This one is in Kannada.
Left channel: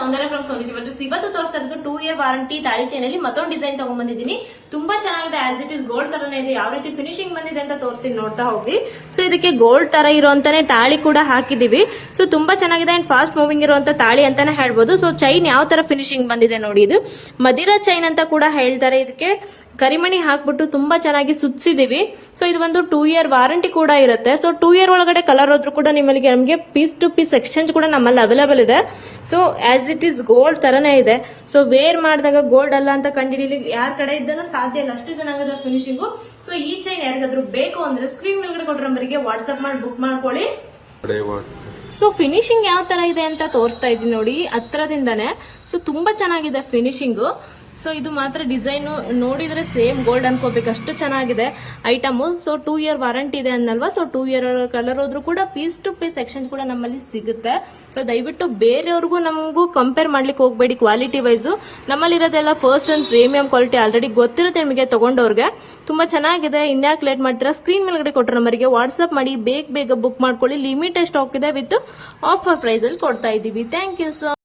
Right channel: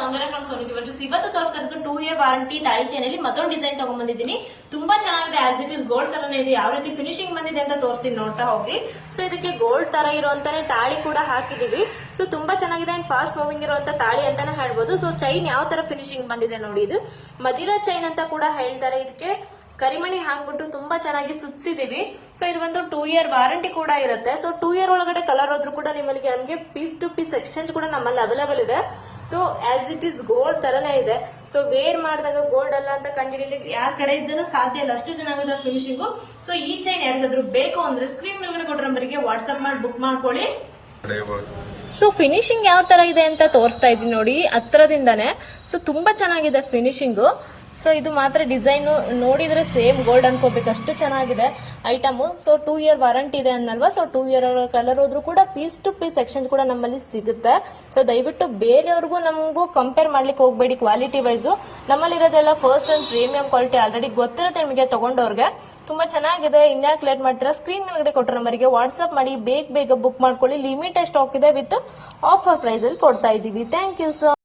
ಸೌಂದರ್ಯ ಫ್ರಮ್ ಸೋನಿ ಜ್ಯುವೆಲರ್ಸ್ ಇವತ್ತು ತೋರಿಸ್ತಾ ಇರೋದು 2 ಇಯರ್ ವಾರಂಟಿ ತಾಳಿ ಚೈನ್ ಅಲ್ಲಿ ಮತ್ತೊಂದು ಡಿಸೈನ್ ತಗೊಂಡ್ಬಂದಿದ್ದೀನಿ. ತುಂಬಾ ಚೆನ್ನಾಗಿದೆ. ಆಸ್ ಇಟ್ ಇಸ್ ಗೋಲ್ಡ್ ತರನೇ ಇದೆ. ಯಾವ ರೀತಿ ಫಿನಿಶಿಂಗ್ ಬಂದಿದೆ ಅಂತ ತೋರಿಸ್ತೀನಿ, ನೋಡ್ತಾ ಹೋಗಿ. ಸೊ ಇದಕ್ಕೆ ಗೋಲ್ಡ್ ತರ ಇರುವಂತಾನೆ ತಾಳಿ ಕೂಡ ಹಾಕಿದೀವಿ. ಸೊ ತುಂಬಾ ಚೆನ್ನಾಗಿದೆ ಅಂಡ್ ಫಾಸ್ಟ್ ಮೂವಿಂಗ್ ಇರುವಂತ ತಾಳಿ ಅಂತಾನೆ ಹೇಳ್ಬೋದು. ಸೊ ಚೈನ್ ಯಾವ ತರ ಫಿನಿಶಿಂಗ್ ಬಂದಿದೆ ನೋಡಿ. ಇದು ಮದಿರಾ ಚೈನ್ ಅಂತ ಕೂಡ ಹೇಳ್ತಾರೆ. ಇದಕ್ಕೆ ಕರಿಮಣಿ ಹಾಕ್ಬಿಟ್ಟು ತುಂಬಾ ಚೆನ್ನಾಗಿ ಸುತ್ತಿಸಿದೀವಿ. ಸೊ ಇದು ಒಂದು 2 ಇಯರ್ ವಾರಂಟಿ ಕೂಡ ಇರುತ್ತೆ. ಸೊ 2 ಇಯರ್ ಒಳಗಡೆ ಕಲರ್ ಹೋದ್ರೂ ಕೂಡ ನಮಗೆ ಪೀಸ್ ಟು ಪೀಸ್ ಎಕ್ಸ್ಚೇಂಜ್ ಕೂಡ ನಮ್ಮಲ್ಲಿ ಅವೈಲೇಬಲ್ ಇದೆ. So as it is gold ತರನೇ ಇದೆ. ಸೊ ವೇರ್ ಮಾಡಿದಾಗ ಗೋಲ್ಡ್ ಅಲ್ಲ ಅಂತ ಕಂಡುಹಿಡಿಯಲಿ ಯಾರ ಕಡೆ ಇದ್ದನೂ ಸಾಧ್ಯ ಇಲ್ಲ, ಅಷ್ಟು ಚೆನ್ನಾಗಿದೆ ಫಿನಿಶಿಂಗು. ಸೊ ಈ ಚೈನ್ ಯಾರಿಗಾದ್ರೂ ಬೇಕು ಅಂದ್ರೆ ಸ್ಕ್ರೀನ್ ಮೇಲ್ಗಡೆ ಕೊಟ್ಟ ನಂಬರ್ಗೆ ವಾಟ್ಸ್ಆಪ್ ಮಾಡಿ ಬುಕ್ ಮಾಡ್ಕೊಳ್ಳಿ. ಸೊ ಫಿನಿಶಿಂಗ್ ಯಾವ ತರ ಇದೆ ಅಂತ ತೋರಿಸ್ತಾ ಇದೀನಿ ನೋಡಿ ಹತ್ರದಿಂದಾನೆ. ಸೊ ತುಂಬಾ ಚೆನ್ನಾಗಿದೆ ಫಿನಿಶಿಂಗು. ಸೊ ಇದು ಮಾತ್ರ ಡಿಸೈನ್ ನೋಡಿದ್ರೆ ಸೇಮ್ ಗೋಲ್ಡ್ ಅನ್ಕೋಬೇಕು, ಅಷ್ಟು ಚೆನ್ನಾಗಿದೆ ಐಟಮ್. ಸೊ 2 ಇಯರ್ ವಾರಂಟಿ ಇದೆ ಅನ್ನಲ್ವಾ. ಸೊ 2 ಇಯರ್ ಕಲರ್ ಹೋದ್ರೂ ಕೂಡ ಪೀಸ್ ಟು ಪೀಸ್ ಎಕ್ಸ್ಚೇಂಜ್ ಕೂಡ ನಮ್ಮಲ್ಲಿ ಸಿಗುತ್ತೆ. ಸೊ ದಯವಿಟ್ಟು ಬೇರೆಯವ್ರಿಗೂ ನಮಗೂ ಕಂಪೇರ್ ಮಾಡ್ಲಿಕ್ಕೆ ಹೋಗಬೇಡಿ ಕ್ವಾಲಿಟಿ ವೈಸ್. ನಮ್ಮಲ್ಲಿ ಇರೋದೆಲ್ಲ first and premium quality already ಗೊತ್ತಿರುತ್ತೆ ನಿಮಗೆ ತಗೊಂಡವ್ರಿಗೆ. ತುಂಬಾ ಚೆನ್ನಾಗಿದೆ. ಇನ್ಯಾಕ್ ಲೇಟ್ ಮಾಡ್ತೀರಾ, ಸ್ಕ್ರೀನ್ ಮೇಲ್ಗಡೆ ಕೊಟ್ಟರೆ ನಂಬರ್ಗೆ ವಾಟ್ಸ್ಆಪ್ ಮಾಡಿ ಬೇಗ ಬುಕ್ ಮಾಡ್ಕೊಳ್ಳಿ. ಲಿಮಿಟೆಡ್ ಸ್ಟಾಕ್ ಇದೆ ವಿತ್ ಆಫರ್ ಪ್ರೈಸ್ ಅಲ್ಲಿ ಕೊಡ್ತಾ ಇದೀವಿ. Thank you so